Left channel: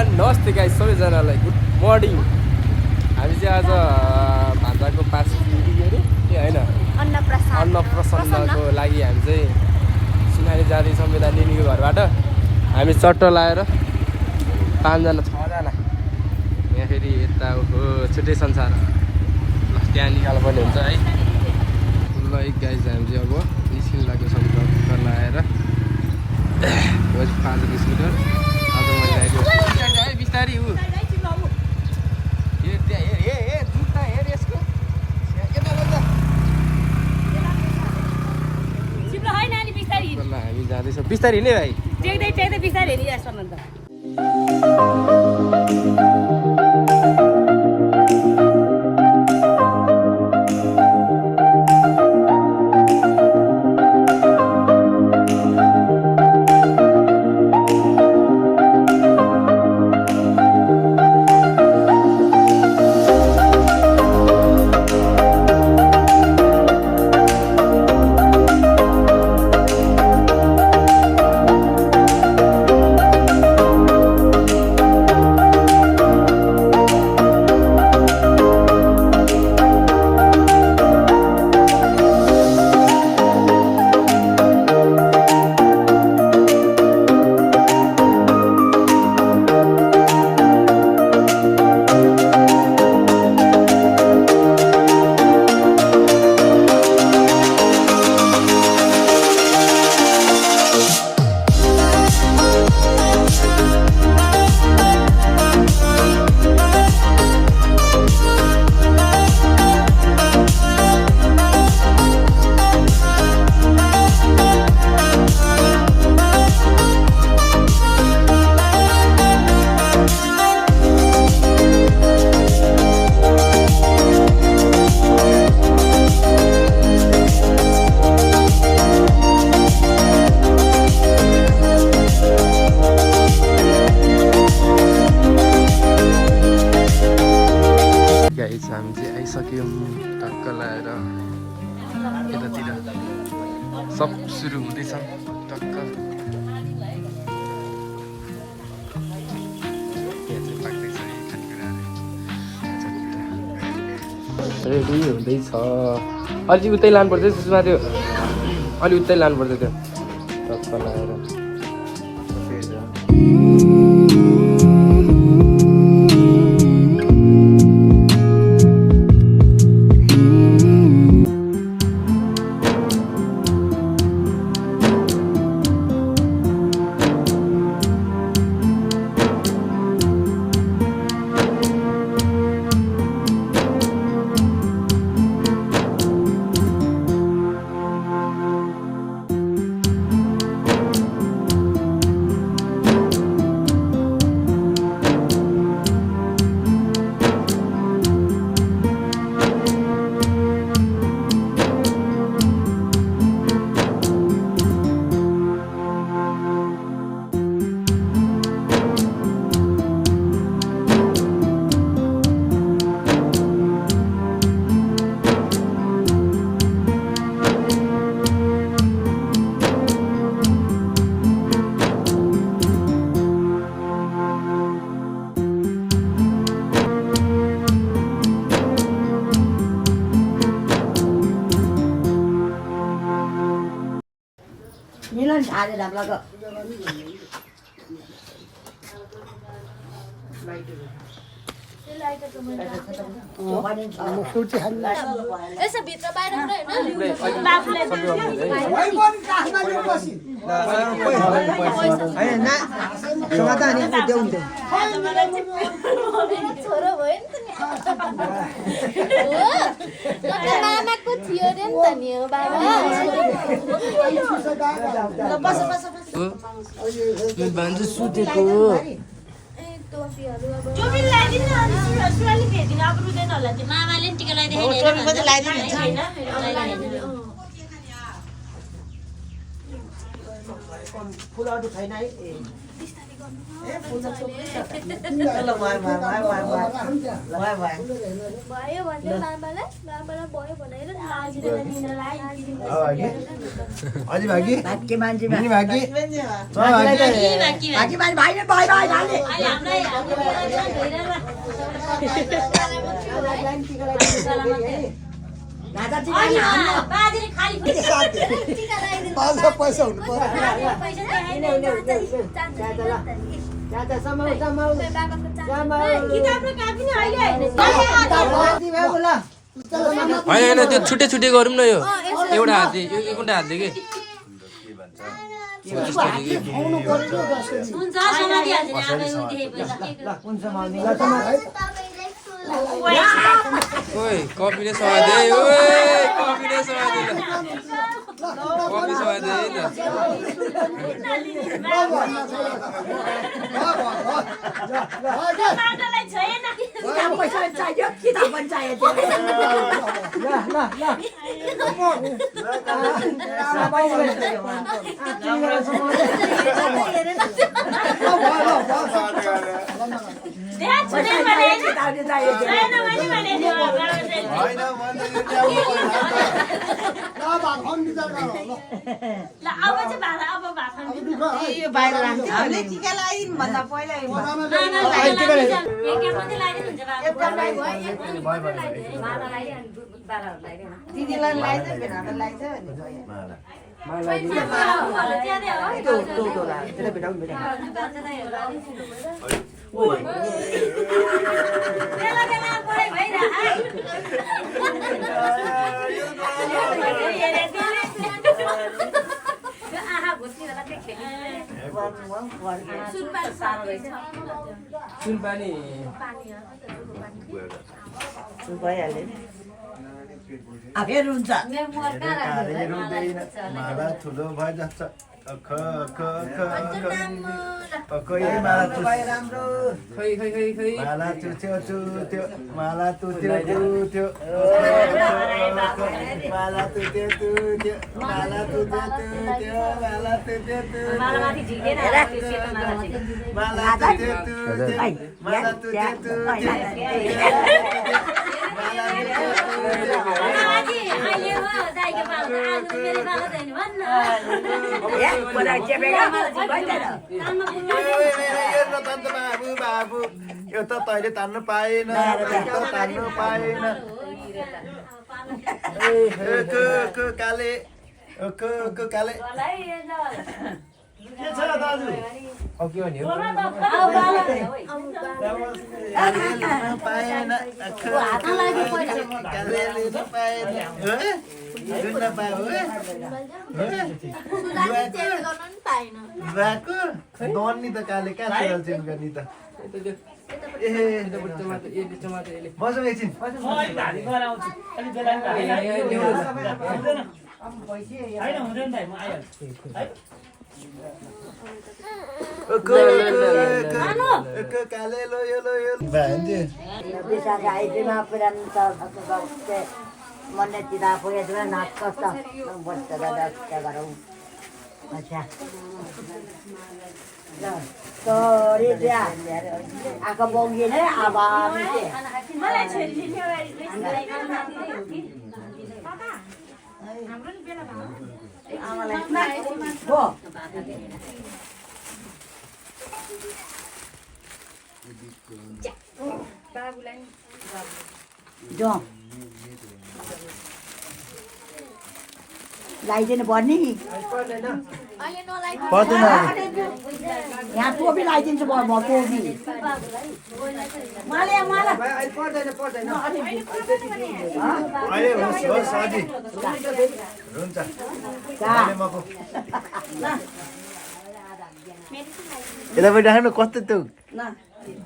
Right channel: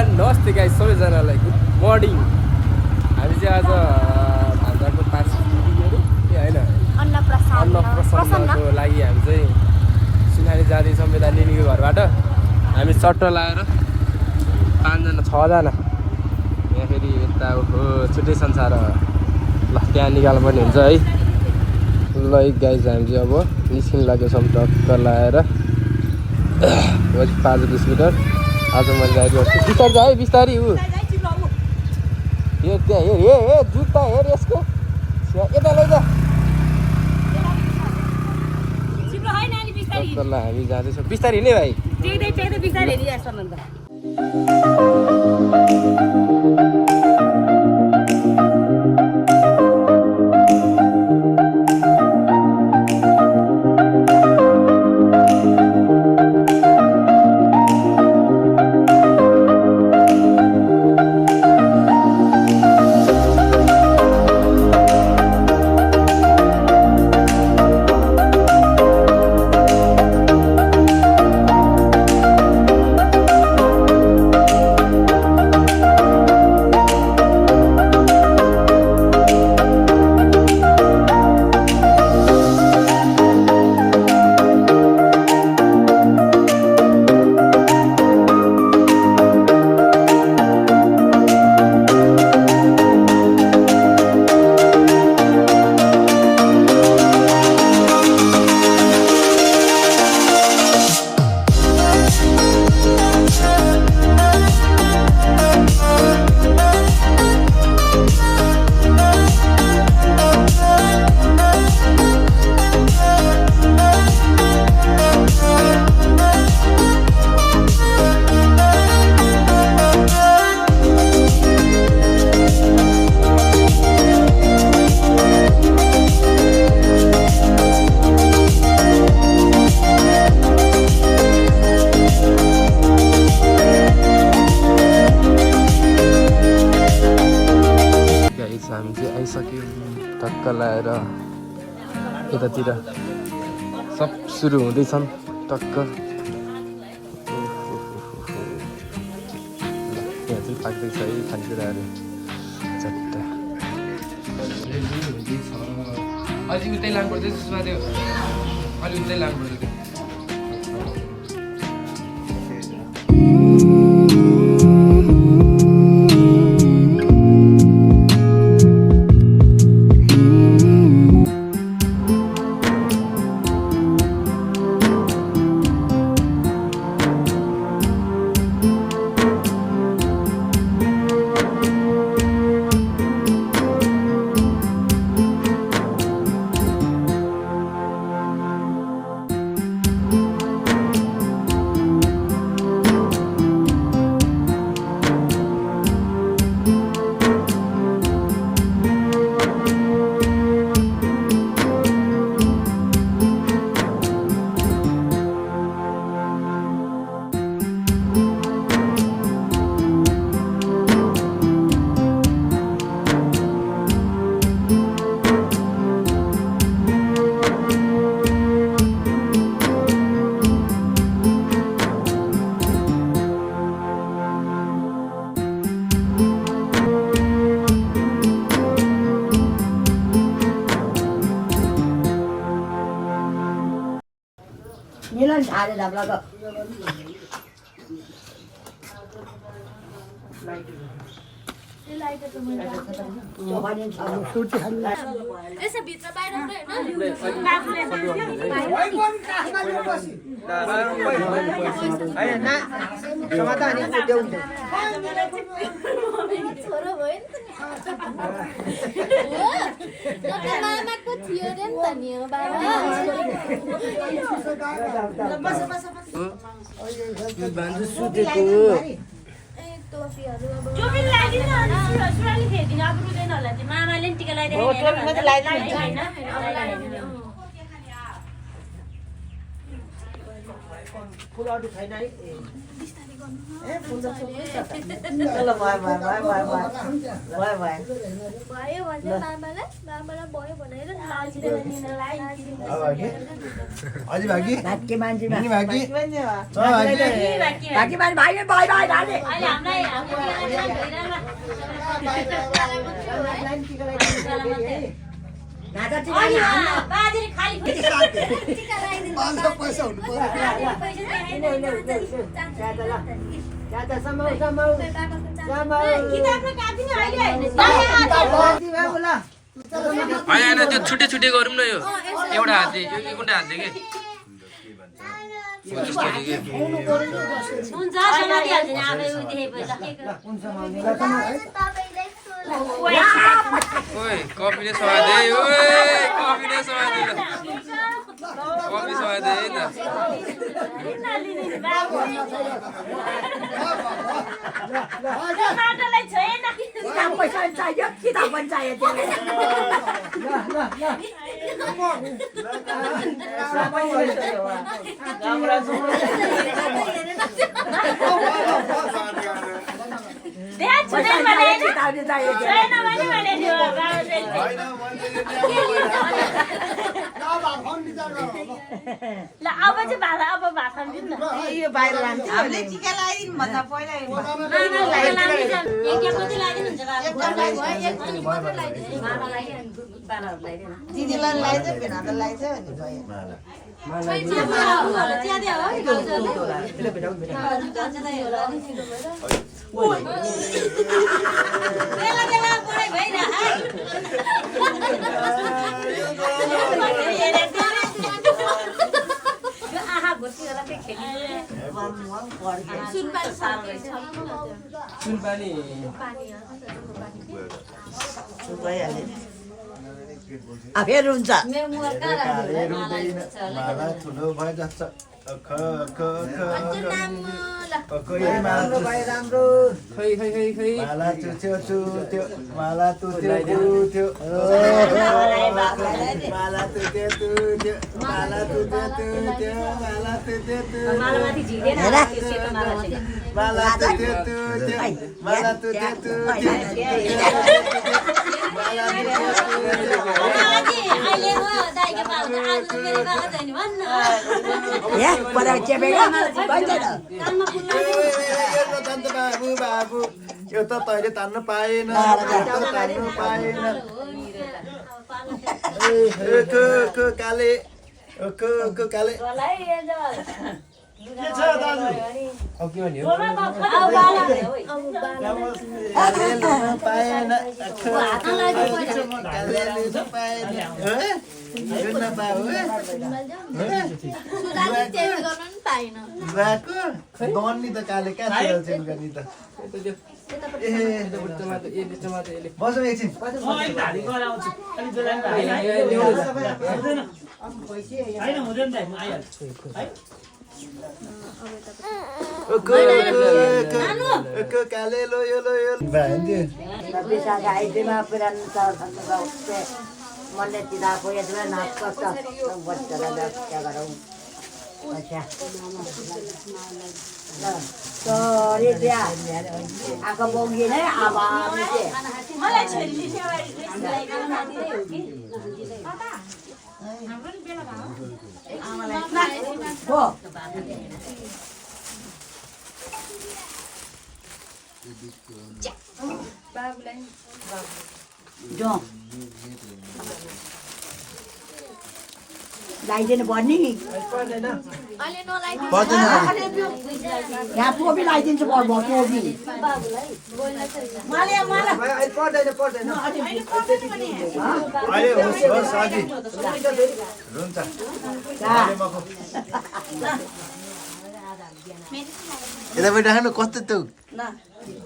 नमस्ते गाइस सबैजनालाई good morning. हामी चाहिँ आज भान्जाको पास होइन अन्नप्रसन्नको लागि हामी चाहिँ सिनारी जाँदैछौँ यता निनीको घरबाट। हामी चट्टो लगाएर 5 जना 6 जना यहाँ फेरि यता हो छुट्टै संसार। ल त्यहाँ निकाल्नु पर्ने हुन्छ है। ल गाइस हामी चाहिँ अब निस्किनु लागेछौँ टक्क लगाएर 5-20 मिटर। आज मैले गाइको बिस्तारी है बिस्तारी ऊ हेर त्यहाँ हेर जुत्ता हेर यसको यता लैजा। हामी जाँदैछौँ बिस्तारी हिँड्ने भाइ बिस्तारै हेरिरहेको छ हामी चाहिँ आइसक्यौँ टक्क लगाएर यतातिर सब सुरु हुँदैछन् टक्क। यहाँ चाहिँ पाक्दैछ है खानेकुराहरू चट्टा रेडी हुँदैछ। अलि उतै लानुपर्छ सुषमा त्यो अलि उतै लानुपर्छ त्यो टक्क लगाएर। मिलन झारे ढाब्लाको यसो भित्र बाहिर छोरो भयो नि त मामाको थियो अरे नि त नि हो बाबा भान्जु सुतेको मामाले पनि टिका लगाइदिनु फुलहरु छैन है भयो भने मामालाई भयो भनेर अझै भागी भाग्य मान्छे भागी हामीलाई होइन त्यो छुट्टै छुट्टै गरौँ न यो एउटा हातले एउटा हातले के ओए कफीले स्वादे ओए कफीले स्वादे कफी स्वादे न फेरि हुन्छ माला ठुलो भए जस्तो माला चुच्यो चुट्यो माला तुत्यो तुत्यो माला तुत्यो तुत्यो माला तुत्यो तुत्यो माला तुत्यो तुत्यो माला तुत्यो तुत्यो माला तुत्यो तुत्यो बाबु बाबु यो त तैँले तान्न पाएन तान्नु पाएन काले काले काले लिन पाएन काले लिन पाएन लिन पायो भएको दन्नी त काले कहाँ छिराल चेन्ज गर्ने त बसौँ एकछिन काले लो यो मनले चिदा पुगेर नाच कस्तो बच्चालाई क्या गरौँ अच्छा सरी त्यहाँ आएको बोङ्गी नै अब लगाइदिनु पर्ने पर्दैन यहाँ टोपी लगाइदिन्छु म टोपी अहिले होस् होस् साथी हुन्छ यतापट्टि राख्नु कस्तो त्यो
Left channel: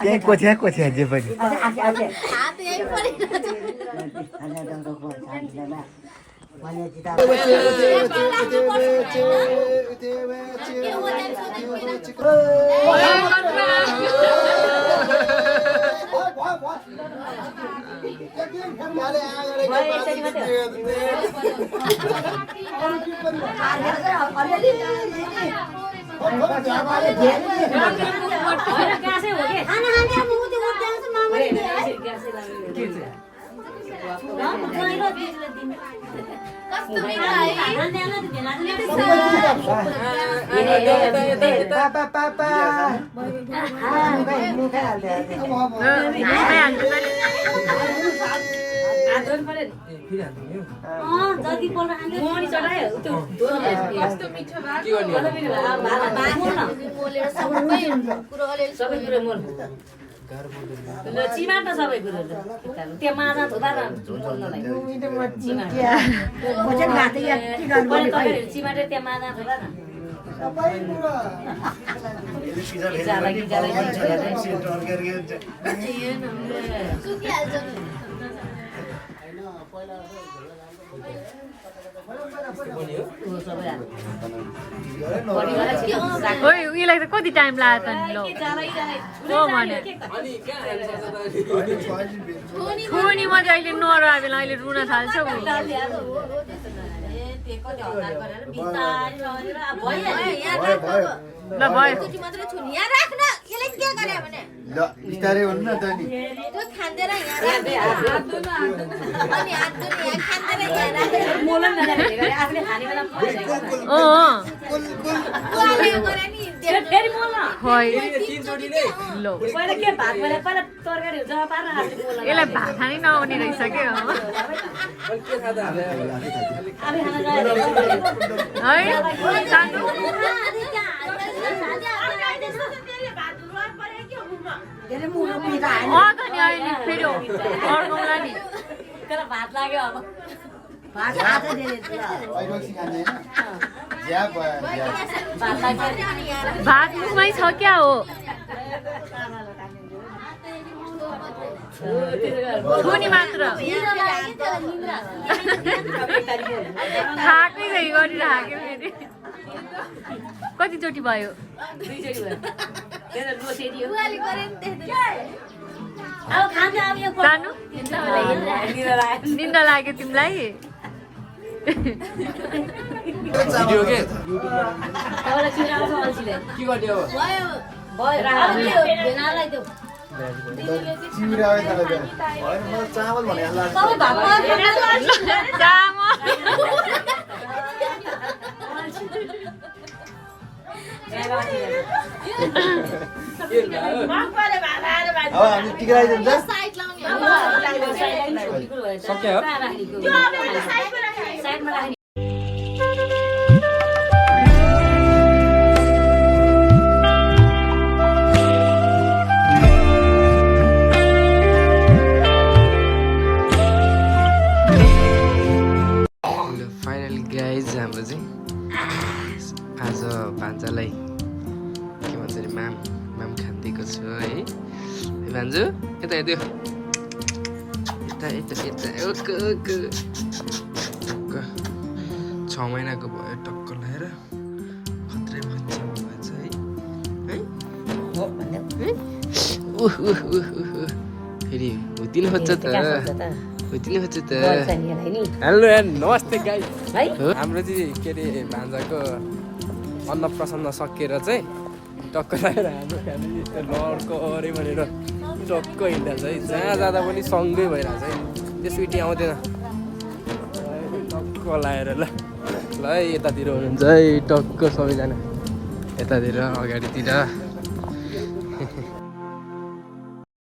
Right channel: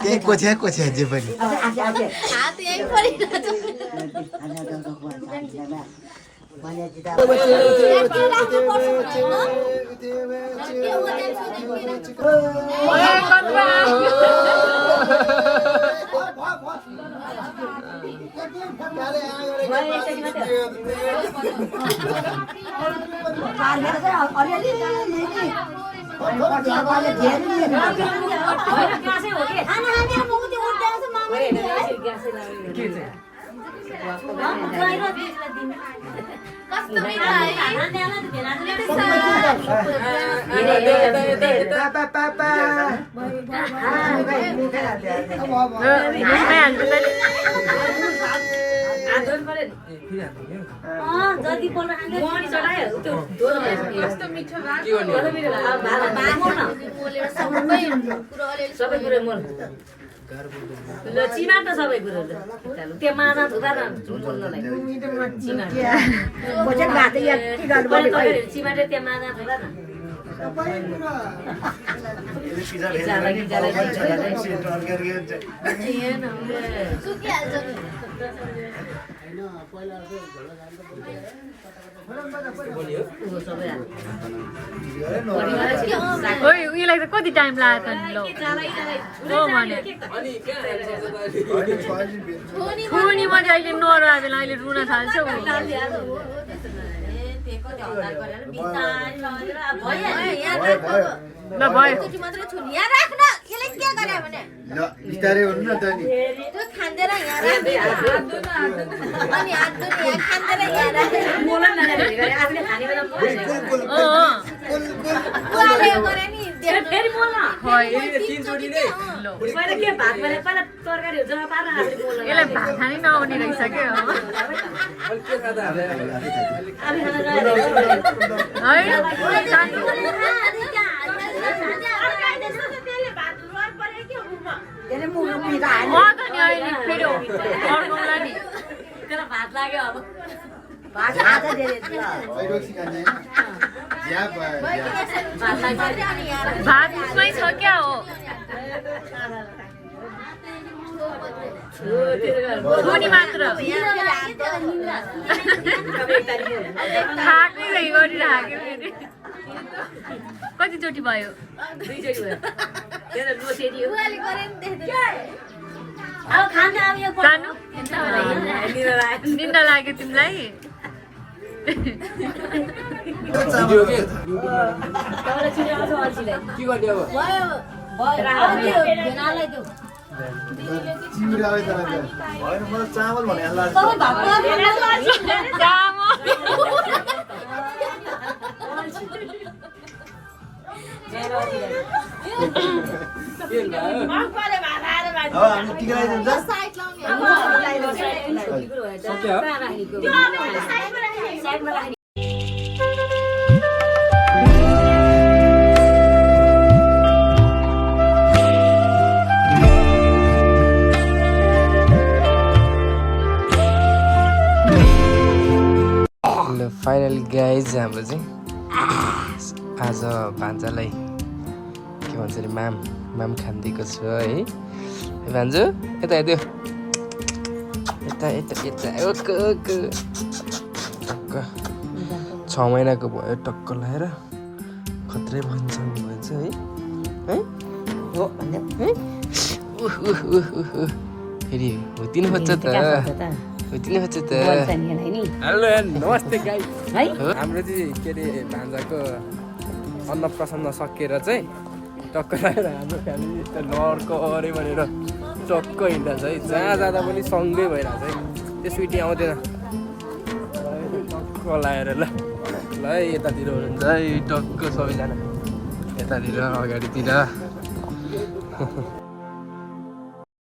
त्यहाँ कोछ्या जे पनि चिमाट सबै कुरो त्यो माना धुँदा चिमाटे त्यो माना धुँदा न उयोलाई त कति टाइम लाग्यो त नि खुनी मात्रै अहिले नरायो बेला अहिले रुन थाल्छ ल भयो बिस्तारै भन्नु न त नि फेरि मोल्न पहिला के भात बनाए पहिला तरकारीहरू जम्मा पारेर हाल्ने मोल्न यसलाई भात खानै नआउने रहेछ क्या भात लाग्यो अब भात उसमै छ क्या हो खुनी मात्र थाक्नै गई गरिराख्यो फेरि कतिचोटि भयो जानु निन्दा लाग्यो तिमीलाई चामल भने टिका लगाइदिन्छ फाइनली गाइज हाम्रो चाहिँ आज भान्जालाई के भन्छ अरे माम खानिदिएको छु है भान्जु यता हेर्यो यता ओके टक्क 6 महिनाको भयो टक्क लगाएर खत्रै भन्छ भएछ है फेरि हुतिनु खोज्छ त हेलो नमस्ते गाई हाम्रो चाहिँ के अरे भान्जाको अन्नप्रसन्न सकिएर चाहिँ टक्क लगाएर हाम्रो फ्यामिली लड्को अरे भनेर टक्क हिँड्दा चाहिँ जहाँ जाँदा पनि सँगै भइरहेछ है त्यो स्विटी आउँदैन टक्क लगाएर ल है यतातिर हुनुहुन्छ है टक्क सबैजना यतातिर अगाडितिर